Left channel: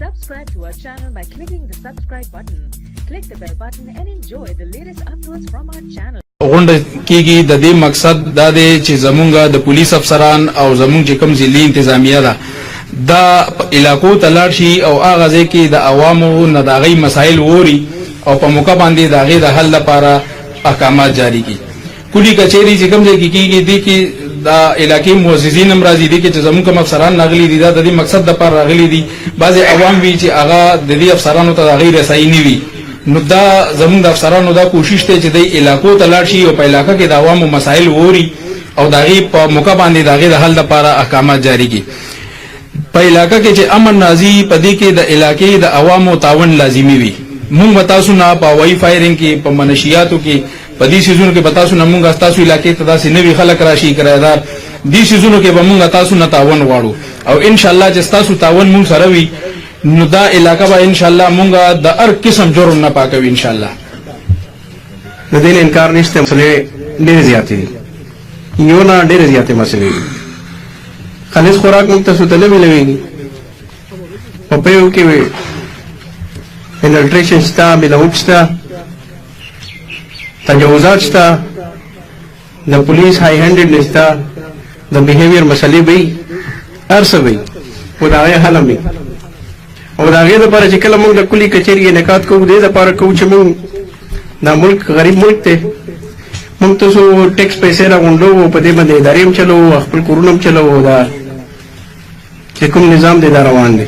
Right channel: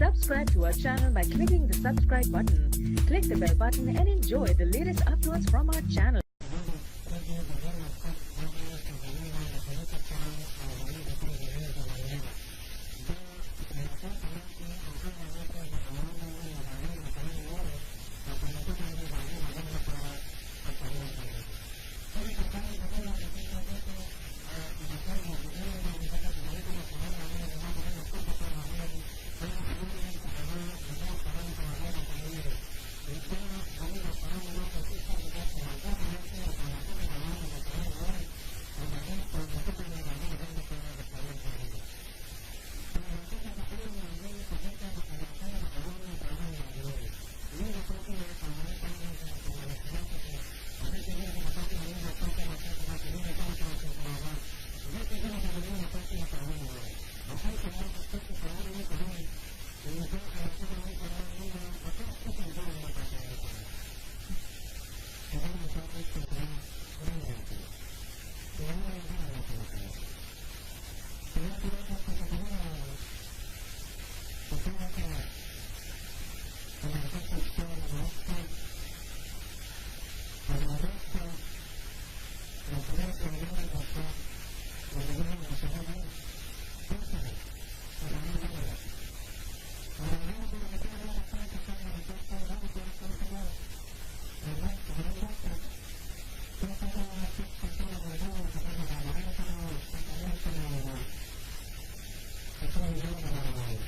Subscribe to our channel by clicking the subscribe button. Click the bell button and enjoy the latest uploads from our channel. غونډه کېږي د دې مقصد دا دی چې زمونږ د پولیس افسران او زمونږ چې کوم ځلي انتظامیه ده دا علاقو ته لاړ شي او هغه ځای کې د عوامو نه د هغې مسایل ووري او په موقع باندې د هغې د حل لپاره احکامات جاری کړي. کلي کچېرې چې کوم ځای کې کېږي دې کې دا علاقې مؤسسین هم راځي دې کې چې زمونږ کوم افسران راغلي دي دا د دې مقصد دپاره راغلي دي. بعضې عوام وي چې هغه د دې افسرانو ته د هغې رسایي نه وي، نو دا زمونږ د افسرانو دا کوشش دی چې د علاقو ته لاړ شي او په علاقه کې د عوامو مسایل ووري او د هغې په موقع باندې د هغې د حل لپاره احکامات جاری کړي. په علاقه کې چې امن راځي په دې کې د علاقې د عوامو تعاون لازمي وي. مونږ به تاسو نه په هوایي فایرنګ کې په منشیاتو کې په دې سیزونو کې به تاسو نه مونږ ستاسو علاقې ته داسې نوي خلک راشي کرایدار دې سیزونو کې به مونږ تاسو نه تعاون غواړو او انشاءالله چې ستاسو تعاون مونږ سره وي نو دا علاقه به انشاءالله مونږ د هر قسم جرم نه پاکوي انشاءالله. د دې نه انکار نشته، مسلې ډېرې زیاتې دي، یو نه ډېرې زیاتې مسلې دي. خالص خوراک موږ ته ته نه ملوېږي، په پیو کې انفلټریشن شته، ملاوټ شته، تجاوزات شته، د پولیس هائی هینډډ شته، د بیهیویر مسلې به وي، هر څه به وي خو د هغې حل هم وي. او د هغې دپاره چې کله موږ د کلي کچېري انعقاد کوو دې دپاره کوو چې موږ دا ملک غریب ملک دی، موږ تاسو ټیکس پیسې راغونډوو، په دې باندې ادارې هم چلوو، خپل کورونه هم چلوو، دا چې کوم نظام دی دا روان دی.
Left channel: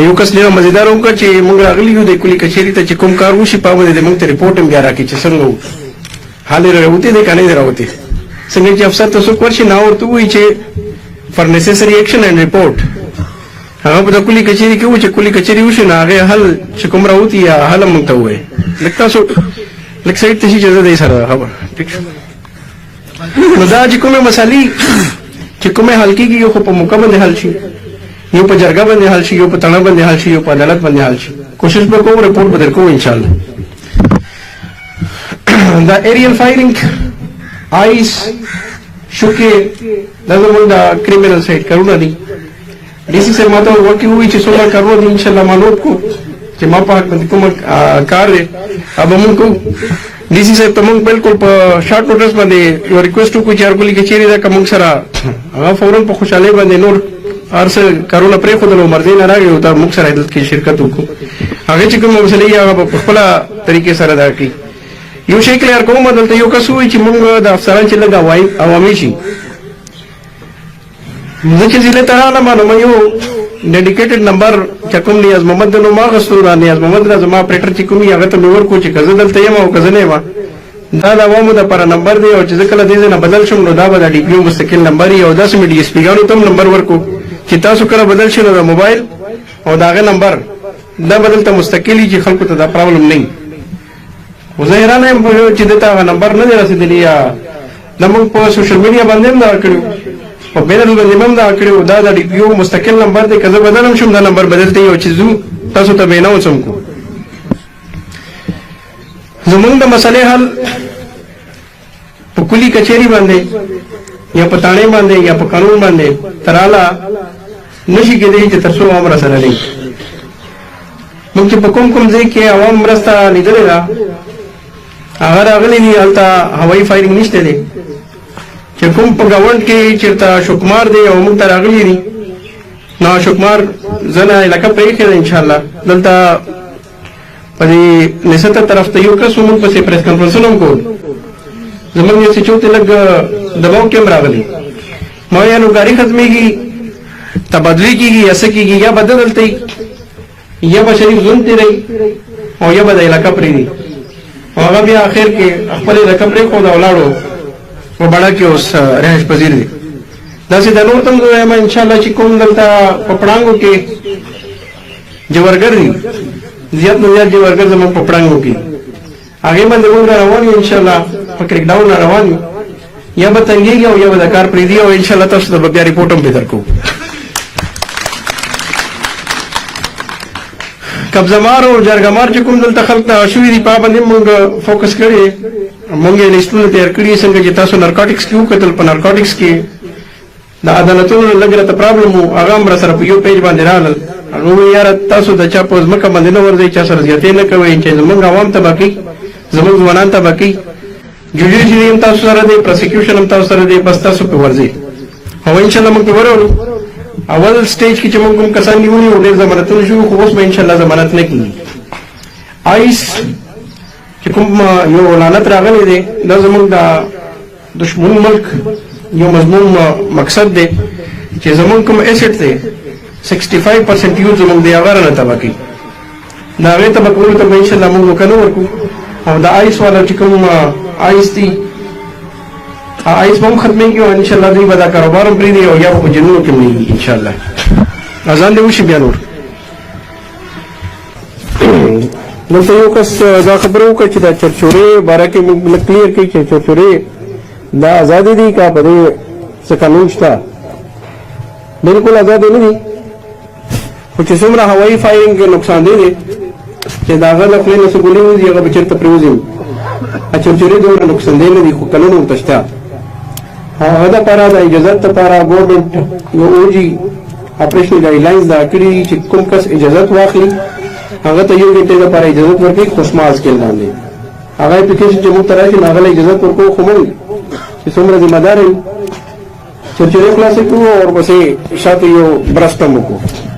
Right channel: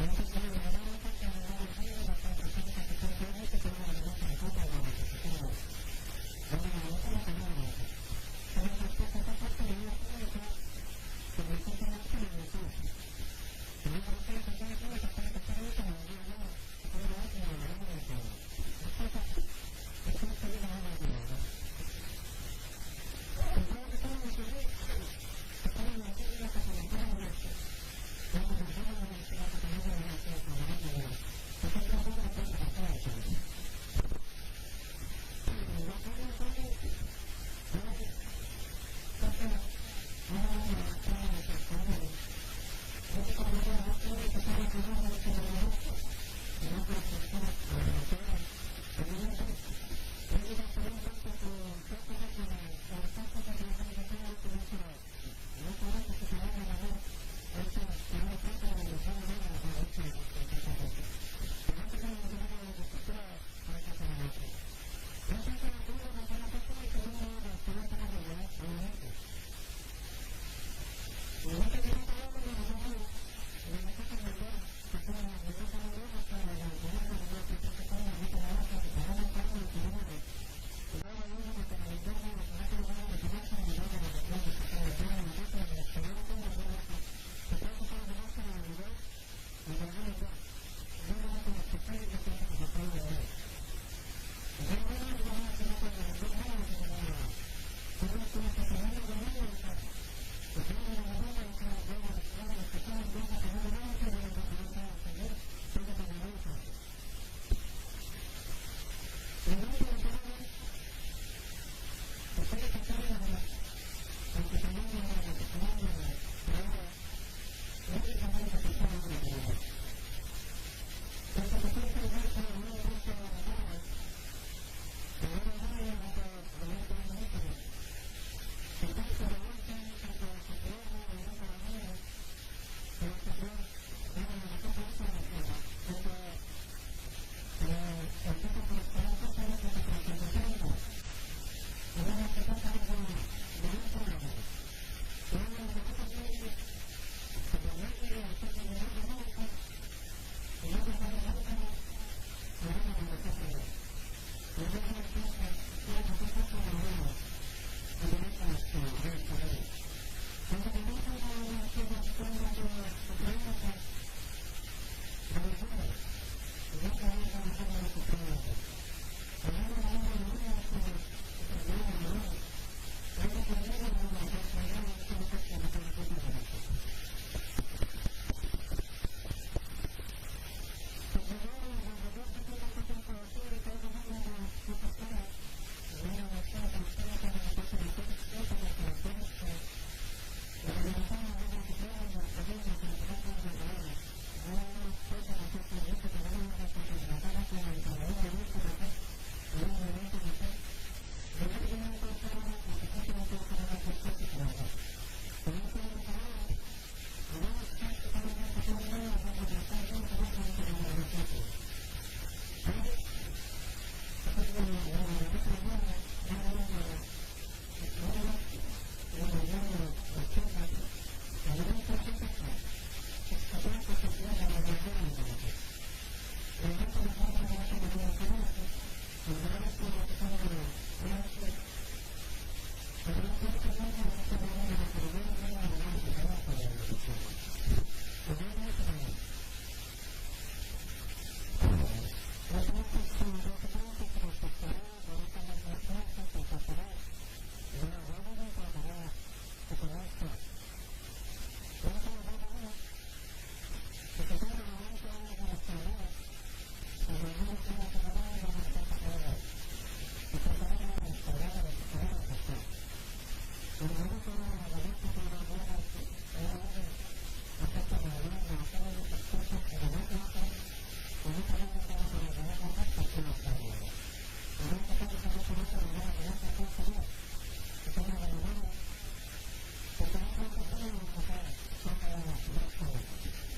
یو کس ډېره مزېدار وکړه چې موږ راغلي یو د کلي کچېري ته چې کوم کار وشي په باندې د موږ ته رپورټ هم بیا راکړي چې څنګه و حال یې راوتی دی که نه دی راوتی. څنګه چې افسر ته څوک ورشي نه ورته ووایي چې فار نیسیسري ایکشن اینډ رپورټ هغه په د کلي کچېري کې و چې کلي کچېري وشي نو هغې حل چې کوم راوتي یا حل هم موږ ته ووایي. لږ تاسو لږ سایډ ته شي چې زه دی سره خبر ټیک شو. نو دا چې کومې مسالې چې کومې حل کېږي یو خو په موقع باندې حل شي، یو په جرګه باندې حل شي، یو په تڼه باندې حل شي، یو په عدالت باندې حل شي. کوشش به کوم رپورټ به در کوو انشاءالله. دا ایریل فایرنګ آیس شوکې دا زموږ د کریمینل سایډ کارونه دي. ډي سي صاحب ما ته ورکړي ووایي چې څومره کارونه دي انشاءالله ما نوټ کړو چې ما په حق باندې کوم کار دی هغه به مونږ کوو. ډي سي صاحب ته مونږ بالکل په شارټ نوټس باندې یو ریکویسټ وکړو چې هر کلي کې چیرې ده که مونږ سره هغه فوراً په خوشحالۍ باندې نور هر څه کارونه پرېښودل او مرضۍ نه راغی او دا مونږ سره دلته کې شرکت وکړو. هغې چې کومه مسلې هغه به په خپله طریقې سره دا کړي. یو شی کلیر کوم دلته یو کس ووایي چې مونږ د افسران چې لږ عوامي شي. زه چې ضلع ته راغلم نو ما یو ډیډیکیټډ نمبر چې کوم نیاز محمد نو ما اخیستو را نیاز محمد را زما اپریټر چې کوم هغه ته مې ورکړو چې که زه دلته یم او که زه نه یم دا د عوامو دپاره نمبر دی او چې زه کله دې ځای نه بدل شم نو دا به د ډي پي او مستقل نمبر وي او داسې مې ډي ایس پي ګانو ته هم نمبر ورکړو چې تاسو کله بدل شي نو د موبایل او د هغې نمبر دا به دلته مستقل وي چې خلکو ته دا پرابلم نه وي. خو زه حیرانه یم چې دې ته هغه نمبر نه دی رسېدلی یا دا موږ په سوشل میډیا باندې هم دغه کړي په بینر باندې هم دغه کړي دا د ډي پي او مستقل نمبر دی. که زه بدل هم شم دا نمبر بدلته یو چې ځو تاسو ته به یې اناونس هم کړو. زمونږ د مسلې حل په کلي کچېري باندې یا په تاڼې باندې یا په قانون باندې تراله نشي کېدی چې تر څو عوام راسره نه وي. موږ چې په کوم کوم ځای کې عوام مرسته لیدلې ده هغه راغلي دي هلته هوایي فایرنګ نشته دی. چې کوم په ګاونډ کې چېرته شوکمار دی او موږ ته راغلي دي نو شوکمار زه نه علاقه پرېښې ده انشاءالله. دلته په دې نسته طرف ته یو کس موږ پسې پریس کنفرنسونه هم کول زموږ یو سچو ته لږ دباو کې هم راغلی ما ویل نو ګاډي ختمېږي تبادلې کېږي یا څه کېږي یا به دلته یا به شریف ژوند تېروي او یا به د علاقه پرېږدي او هغه بیا اخر کې خپل علاقه پرېښود او ولاړو په بڼه کې اوس رهایش پذیر دی. داسې د نور ته هم زه وایم انشاءالله چې کوم دلته په پړانګو کې جوارګر دي زیات نه زیات جوارګر زموږ په پړانګو کې هغې باندې موږ را روان یو انشاءالله په کرک ډاون را روان یو یا به تنګېږي او یا به د کار پرېږدي او انشاءالله تاسو ته به بیا ریپورټ هم پې درکوو. قبضهمار او جرګهمار چې کوم دلته خلک دغه شوي دي په هغه باندې موږ فوکس کړی موږ یې لیستونه تیار کړي څنګه چې تاسو نارکاټکس کې وکتل په نارکاټکس کې د عدالتونو لږ راته پرابلم و هغه هم راسره په یو پیج باندې راغلل هغه وی یاره تاسو د چا په ځمکه باندې نه ورځئ چا سره زیاتې نه کوئ چې زمونږ عوام تباه کوي زمونږ ځوانان تباه کوي جوډیشري هم تاسو سره دی پروسیکیوشن هم تاسو سره دی بس تاسو پې ورځئ او انشاءالله موږ پې ورولو اول سټیج کې چې موږ کوم کسان نیولي وو ډېر ضمانتونه شوي خو اوس به انشاءالله ضمانت نه کېږي آیس چې کوم یو لعنت راغلی دی دا زموږ د دشمن ملک یو مضمون مقصد دی چې زموږ کوم ایسټ دی 65% یوز زموږ دی هغه رانه تباه کوي د هغې تباه کولو ته به انشاءالله موږ موقع نه ورکړو او د آیس والا چې کوم آیس دي آیس به هم ختمېږي او انشاءالله دوی به دا کاروبار هم پرېږدي او یا به په جنونو کې مړېږي انشاءالله اذان دې وشي بیا نور دلته یو کس دا خبره وکړه چې دا چرچورې باره کې موږ لږ کلیر کړي چې چرچورې دا ازادې دي که په دې څه قانون شته بلکل ازادې نه دي خو چې څومره هوایي فایرنګ کې نقصان دی چې د هغه له خولې نه څه ګولې وځي هغه به چېرته پرېوځي چرچورې دومره نقصان دی نه دي خو قانون ورته شته هغه دپاره د اجازت دپاره ګورمنټ یو اوجي اپریشنل ګایډلاینز دا کړي چې کوم کس اجازت واخلي هغه ته 1 غنټې دپاره اجازت ورکړي خو سمال سکیل باندې هغه اپلیکیشن چې موږ ته راشي نو هغه له اجازت ورکوو خو موږ چې څومره ذمه دار یم چرچورې خلاصې کړو او ورپسې شاته یو برسټ هم وکړو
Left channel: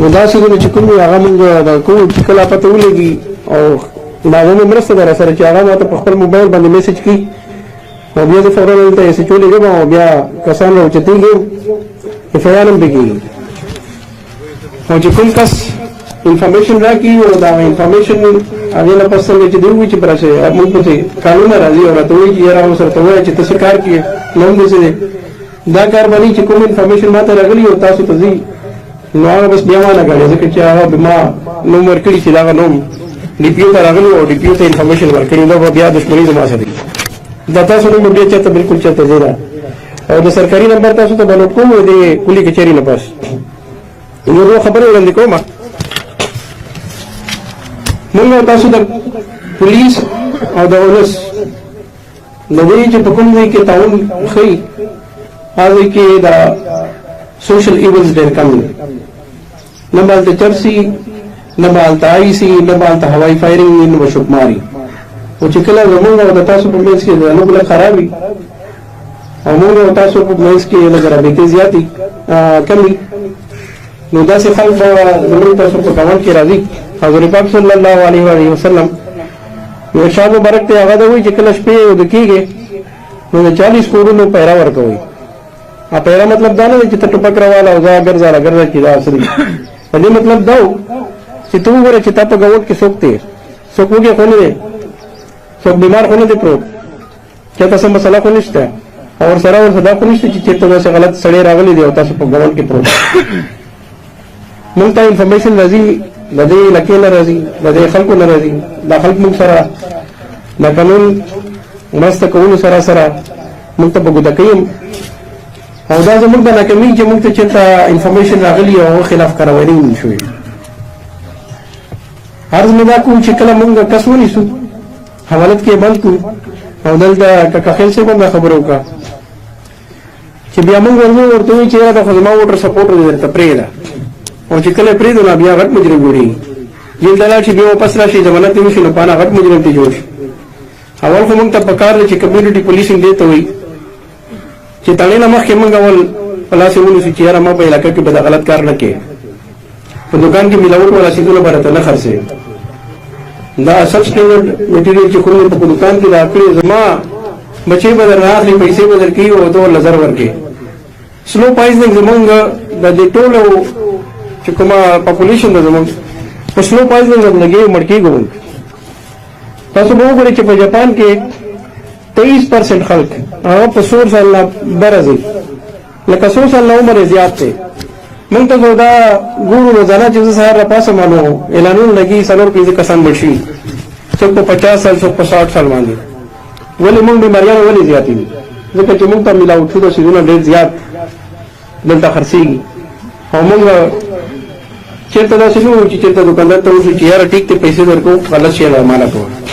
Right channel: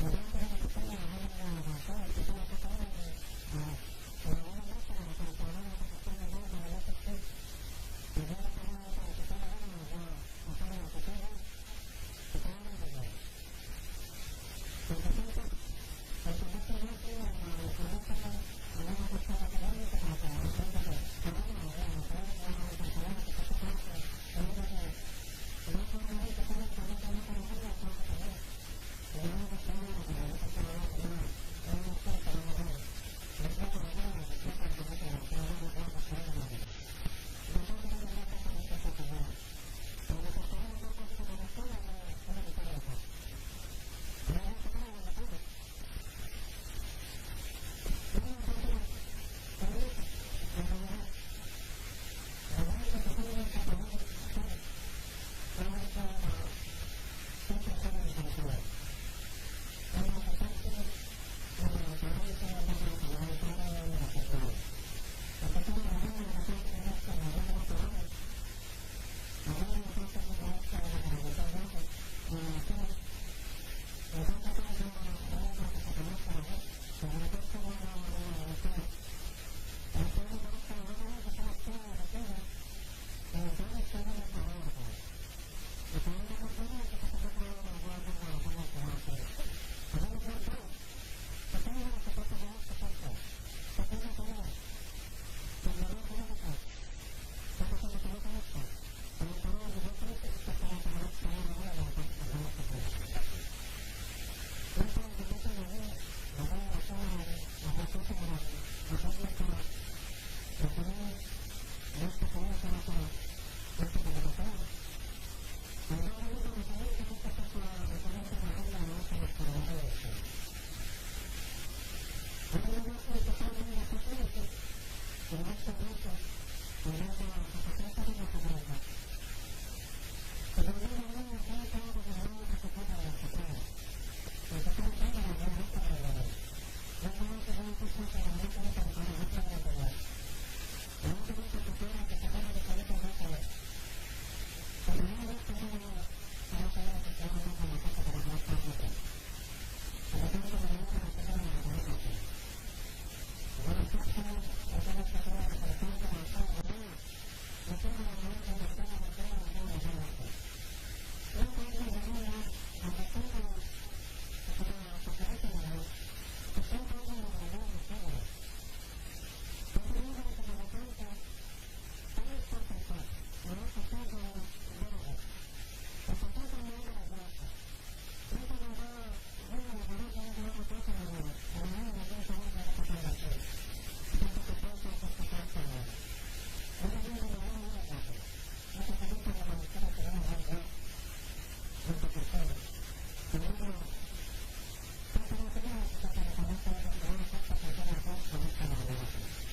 نو دا څیزونه چې کوم وي هغه موږ د کوو چې کله پته ولګي او د هغه مې مرسته ده راسره چې هغه ماته په خپل موبایل باندې میسج کړي او بیا زه فورا دلته ایسچ ولېږم او بیا کسان راوچتېږي اف آی آر هم پرې کېږي او چې کوم کس انفارمیشن راکړي او دا انفارمیشن هغې نه پس څنګه چې دوی ووایي چې براسې موږ پسې قانون راشي او راته وایي چې یاره اوس ورته ووایه چې ته څه کار کوې نوم دې څه دی دا کار باندې چې کوم انفارمیشن ماته راغلي او تاسو ته ځي نو هغه بس بیا وانه ګڼې ځکه چې هغه ما نوم ورکړي چې د هغه نوم ډي پي او ته راغلی او ډي پي او ته انفارمیشن ورکړي دا به بیا دښمني زما سره وي دا تاسو نوم بیا چېرته بلکل چېرته ځای ده او د سرکاري نمبر تاسو ته به نوټ کوم د کلي کچېري نه پس یو دوه خبرې وړاندې کوم موږ تاسو د پولیس او د ولس د دې چې په کوم ځای کې تعاون ښیي هغه کې د سوشل ایولز ډېر کم دي نه به هلته چرسي نه به هلته آیسي نه به هلته هوایي فایرنګ وي نه به شکماري او چې کله زمونږ او د تاسو په منځ کې لږ لږ خراب وي او موږ او تاسو په منځ کې لږ رابطې زیاتې کم وي نو داسې خلک به زمونږ تاسو په ګاونډ کې راځي حضور پاک صلی الله علیه وسلم یو شاه مبارک ته هغه ده وایي چې کله شپې ویده کېږې نو د 40 کورونو پیره ورکوئ پیره مطلب دا نه دی چې ته ټوپک راواله او ځه ګرځه راګرځه چې دا څه دي په دې مطلب دا و چې ته وګوره چې تا په ګاونډ کې څوک دی څوک وږی خو نه دی څوک بیمار خو نه دی پروت چېرته څه مسله خو نشته او ورسره دا خو نشته چې چېرته داسې غلط سړی راغلی دی او تاسو په ګاونډ کې پروت موږ ته انفارمیشن راځي د دې علاقې نه راځي د دې خلکو نه راځي دا خلک موږ سره د قانون مرسته کولو سره سره موږ ته په ګوته کوي او دا زموږ د ناکامۍ چې موږ ته چېرته انفارمیشن راغلي او هغه خلاف کاروایي نه شوې عرض مې دا کوم چې کله موږ کس ونیسو حوالت کې بند کړو او دلته کاکا خیل صاحب هم دا خبره وکړه چې بیا موږ ورته وایي چې یاره دا خو زما ووټر سپورټر دی درته پرېږده او چې کله پرېږدو نو بیا غټ مجرم جوړېږي جیل ته لاړ شي بیا واپس راشي ضمانت یې وشي نو په انا غټ مجرم ته جوړ شي اول خو موږ ته پکار دی چې کمیونټي پولیسینګ دې ته وایي چې تړې نه مخکې موږ اول په لاس یې ونیسو چې یاره ما په علاقه کې به دا غلط کار نه کوې په دوکان کې ملاوټ والا څیزونه به راته نه خرڅوې دا سب سټینډرډ میټیریل چې کوم په دوکان کې راکړې زما بچې به در نه اخلي پیسې به در کوي او ته ورله زر ورکړې سلو پایزنګ زمونږ د دې ټولو چې کومه پاپولیشن ده زمونږ په سلو پایزنګ لګې مړ کېږو موږ تاسو به وګورئ چې په جاپان کې 23% خلک هغه په 100 سال نه بره ځي لکه 100 سال نه عمر یې زیات دی موږ ته خو دا ګورو روزانه چې زه سهار راپاسم نو اعلانونه لګي 4-5 کسان مړ شوي څوک په 50 سال څوک په 60 سال باندې ولې موږ بیماریانې ولې زیاتې دي ځکه چې موږ ته ملاوټ شوي څیزونه ډېر زیات دلته خرڅېږي او موږ چېرته داسې نه وایو چې چېرته دوکاندار ته وشو چې یاره ټیک دی پیسې درکوو غلط شی ماله کوه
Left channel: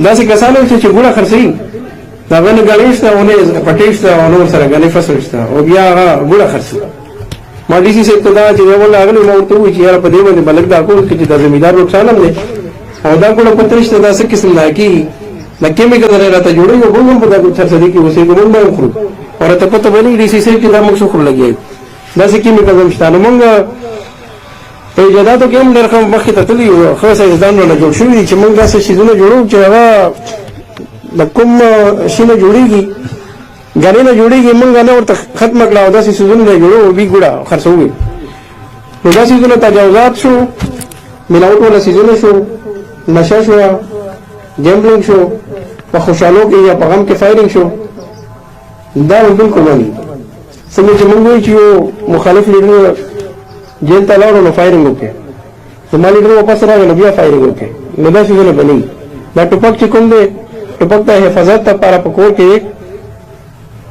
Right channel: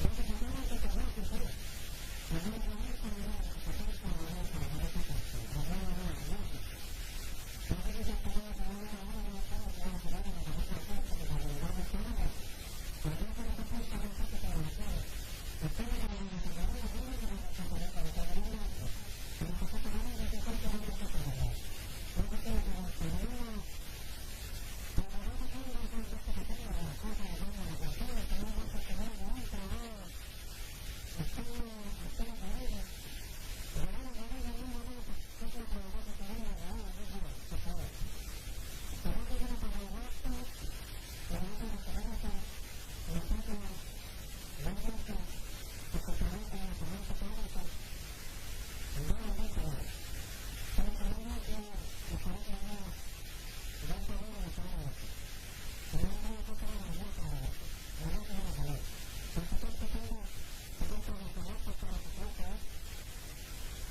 داسې کسان هم چې ګوړه خرڅوي د هغه نه ګڼې شته او نه پټۍ شته او نه ورسره ګڼې فصل شته او بیا هغه ګوړه خرڅوي ما ډي سي صاحب ته دا چې ول هغه ما ورته وی چې یاره په دې باندې بلک دا کول کې چې د زمیدار نقصان هم دی او دا کوله پترشته دا څه قسم دا کی د کیمیکل راته جوړي او بل په دا څه څه دي کې اوسې کوم نه خورو او ته پته باندې ډي سي صاحب چې دا موږ څو خور لګي دا څه کیمیکل هم شته نو موږ په ایجاداتو کې هم درخه مخې ته تللی یو خو ساينسدان نه جوړ شوی چې موږ داسې شیزونه جوړو چې هغه د کوم شي نه جوړیږي غنی نه جوړیږي موږ نه ورته ختم کړه او داسې شیزونه نه جوړو بي ګوډه خرڅوي نو داسې شیزونه تجاوزات شو ملاوت ولا شیزونه شو نشه شو گیمبلینګ شو په خوشحالو کې یا په غم کې فایرینګ شو دا بالکل نه څنګه چې موږ وایو چې مخالف لیډر جیل ته لاړو نو فایرینګ وکړي زما لیډر واپس راغی نو بیا فایرینګ وکړي نو دا څه نه بني دا ټوپک چې کوم دی ټوپک ته حفاظت لپاره په کور کې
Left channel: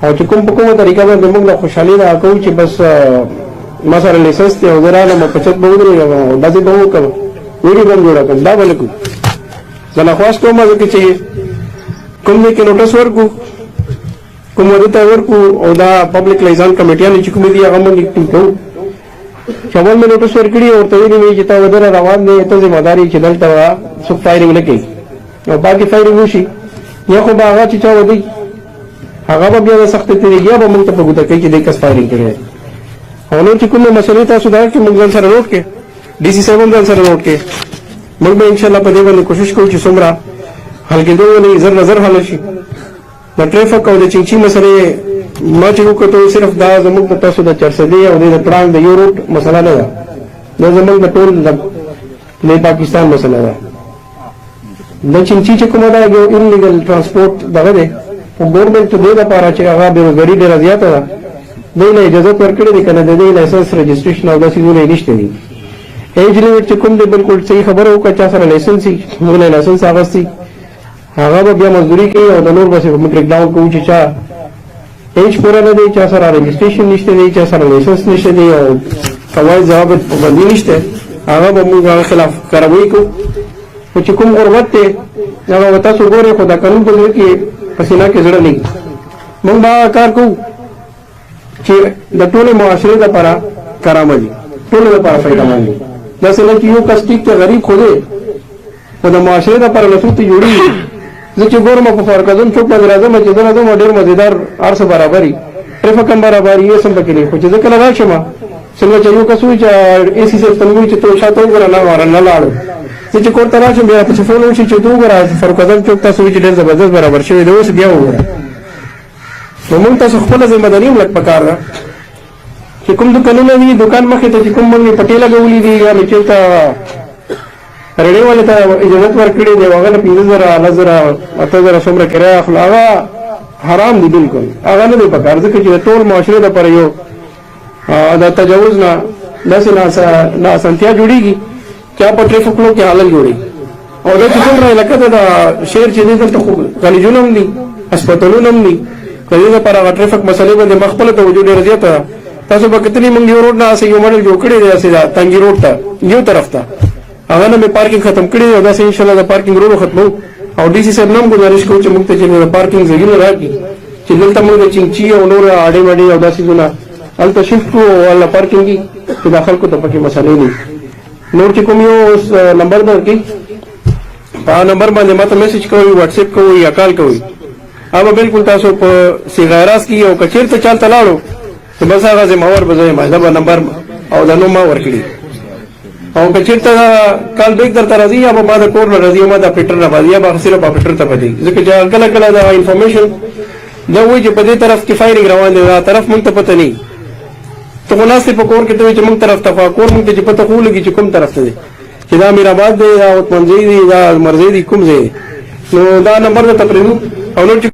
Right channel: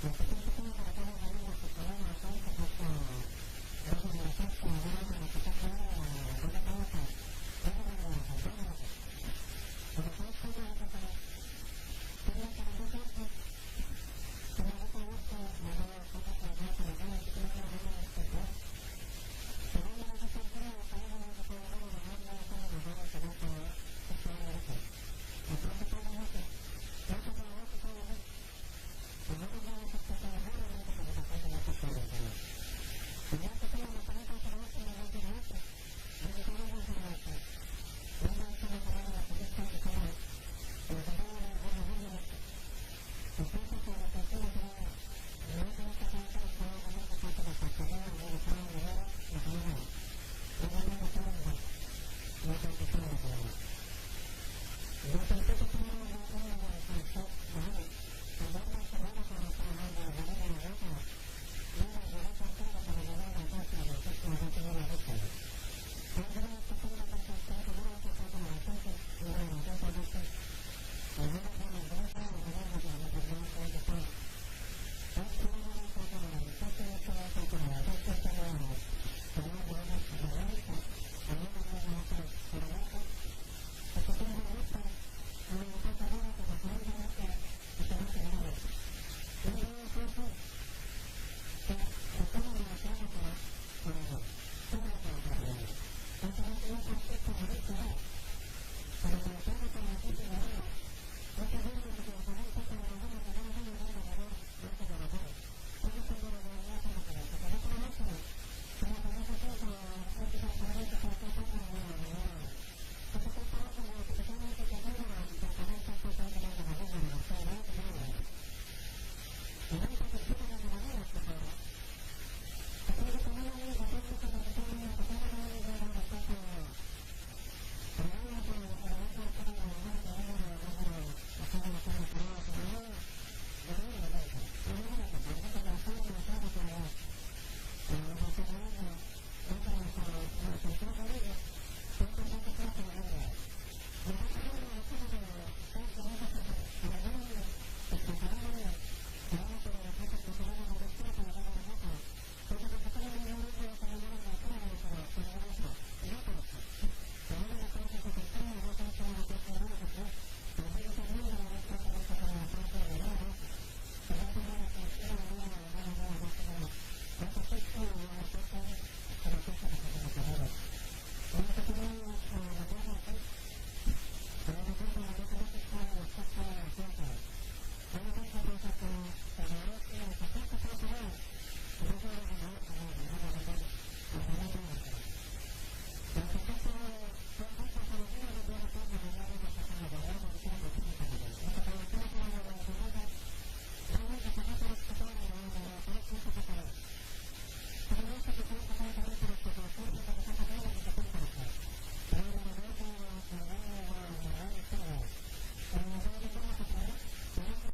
او چې کوم په کومه طریقه باندې موږ له خوشحالي نه کوو چې بس ما سره لیسنس دی او زه رالم په چت به ودرېږم او داسې به وکړم ویډیو به هم جوړه کړم دا به نه کوو زه درخواست کوم ځکه چې کوم ځای کې نوټس ورکړو کوم ودې ته ورکړو او دا پبلک لایزان کمیټیانې چې کومې دي هغه موږ ټینګ کوو چې اول مې نوټس ورکړي او ورته ویلي مې چې تا ودره روان دی ته ذمہداري چې دلته څوک فایرینګ نه کوي او باقي فایرینګ وشي یا خو به هغه چې چا ودی هغه به بیا د سختې طریقې به موږ ته په ګوته کوي چې دې کس فایرینګ کړی او نور چې کومې مسلې تاسو دا چې موږ ځان سره نوټ کړي ډي سي صاحب هم ځان سره نوټ کړي موږ به انشاءالله په دې باندې کوشش کوو چې څومره حل کېدو ولې زر نظر حل شي د ټریفک او د چینچي مسلې ما چې وکړو صرف دا زموږ د تاسو د چرسدي او د پړانګ د یو روټ مسله نه ده دا زموږ د ټول د پاکستان مسله ده د چینچي چې کومه ده یو انلیګل ترانسپورت دغه دی او ګورنمنټ ته دې لپاره چې هغه بېروزګاري ډېره زیاته ده دوی له اجازه ورکړې دي که نه د دې لایسنس رجسټریشن او داسې څیزونه یې نشته دي ایج لیمټ چې کوم دی بالکل صحیح خبره وکړه چا سره لایسنس وي موږ له لایسنس اخیستی هغه به بیا مزدوري کوي او د نور بسې موږ بریک ډاون کوو چې چا ایج پوره نه دی چا سره رجسټریشن نشته دی چا سره لایسنس نشته دی او قواعد ضوابط پابندي نشته هغه به موږ هغه خلاف کاروایي کوو خو چې کوم غربت دی هغه تاسو ګورئ خو دا قانون په زړه کې په سینه کې زړه نه موږ به کار کوو چې د ټولې معاشرې لپاره کارآمد وي ټولو لپاره فایدهمند وي داسې نه چې یو کس ټیک ته غریب خو دی خو د معاشرې لپاره نصرتې جوړېږي زه چې ګورم په فارق اعظم چوک باندې راځم چې زه راځم ډېر مزېدار هر څه برابر وي ټریفک هم برابر وي هېڅ هم پکې نه خو چې زه کله راشم څنګه چې یو کس وایي چې اے سی صاحب ته مې وایي چې ته شاته وګوره نه لاړو زه چې کور ته راشم بیا راپسې فون وشي چې ته وګوره فاروق اعظم چوک تاسو وایي چې ډېر زبردست برابر شوی دی اوس بیا وګوره نو موږ تاسو خپله ذمهداري هم لږ پکار ده چې کوم دوکانونه دي دوکان مخې ته چې کوم موږ پټې لګولي دي یا مې چېرته رېډۍ والے ته اجازت ورکړې دی هغه له 50,000 10,000 8,000 څومره کرایه اخلو هغه حرام دي بالکل هغه نه دی پکار ځکه چې د ټول معاشرې لپاره یو د تجاوز نه داسې ناسانتیا جوړېږي چې په ټریفکونو کې حالل جوړېږي او دا چې څومره علاقه ده د شهر چې دی دلته خو کالجونه هم دي هسپتالونه هم دي د دې لپاره هغه ټریفک مسلې باندې ما خپله توجه ډېره زیاته ده تاسو به کتلي موږ یو روډ نه هسې یو ماډل جوړ کړی دی هسې تنګي روډ ته یو طرف ته هغه نه مې پارکینګ ختم کړی دی او داسې انشاءالله د پارکینګ روډ ختمو او ډي سي صاحب نه هم ګزارش کوو چې موږ ته چې د پارکینګ ځایونه راکړي چې دلته موږ د چینچي او نور اډې وډې او داسې ځونه هلته شفټ کړو او هلته پارکینګ وي چې دا خلکو ته پکې مسلې نه وي نور چې کوم یو نمبر درکړي په هغه نمبر باندې ما ته میسج کوئ واټساپ کوئ یا کال کوئ هغه بالکل تاسو په صیغه راست کې او که چېرته چالته لاړو نو بس هغه ذمہوار به زه یم دا به نمبر او دا نوم ما ورکړي او که چېرته کال بیک درته راځي یا به ما د کور نه راځي یا ما د اپریټر نه باندې یا به صرف اپریټر ته پدې ځکه چې کله کله دا انفارمیشن دا وایي چې په دې طرف کې فایرینګ روان دی دا طرف موږ ته پته نه وي ته خو ناست په کور کې ته وایي چې موږ طرف ته کور موږ ته چې پته خو ولګي چې کوم طرف ته دی چې دا امیرآباد دی دا عثمانزی دی دا مرزی دی کوم ځای نو دا نمبر درته پرېږدو او نور چې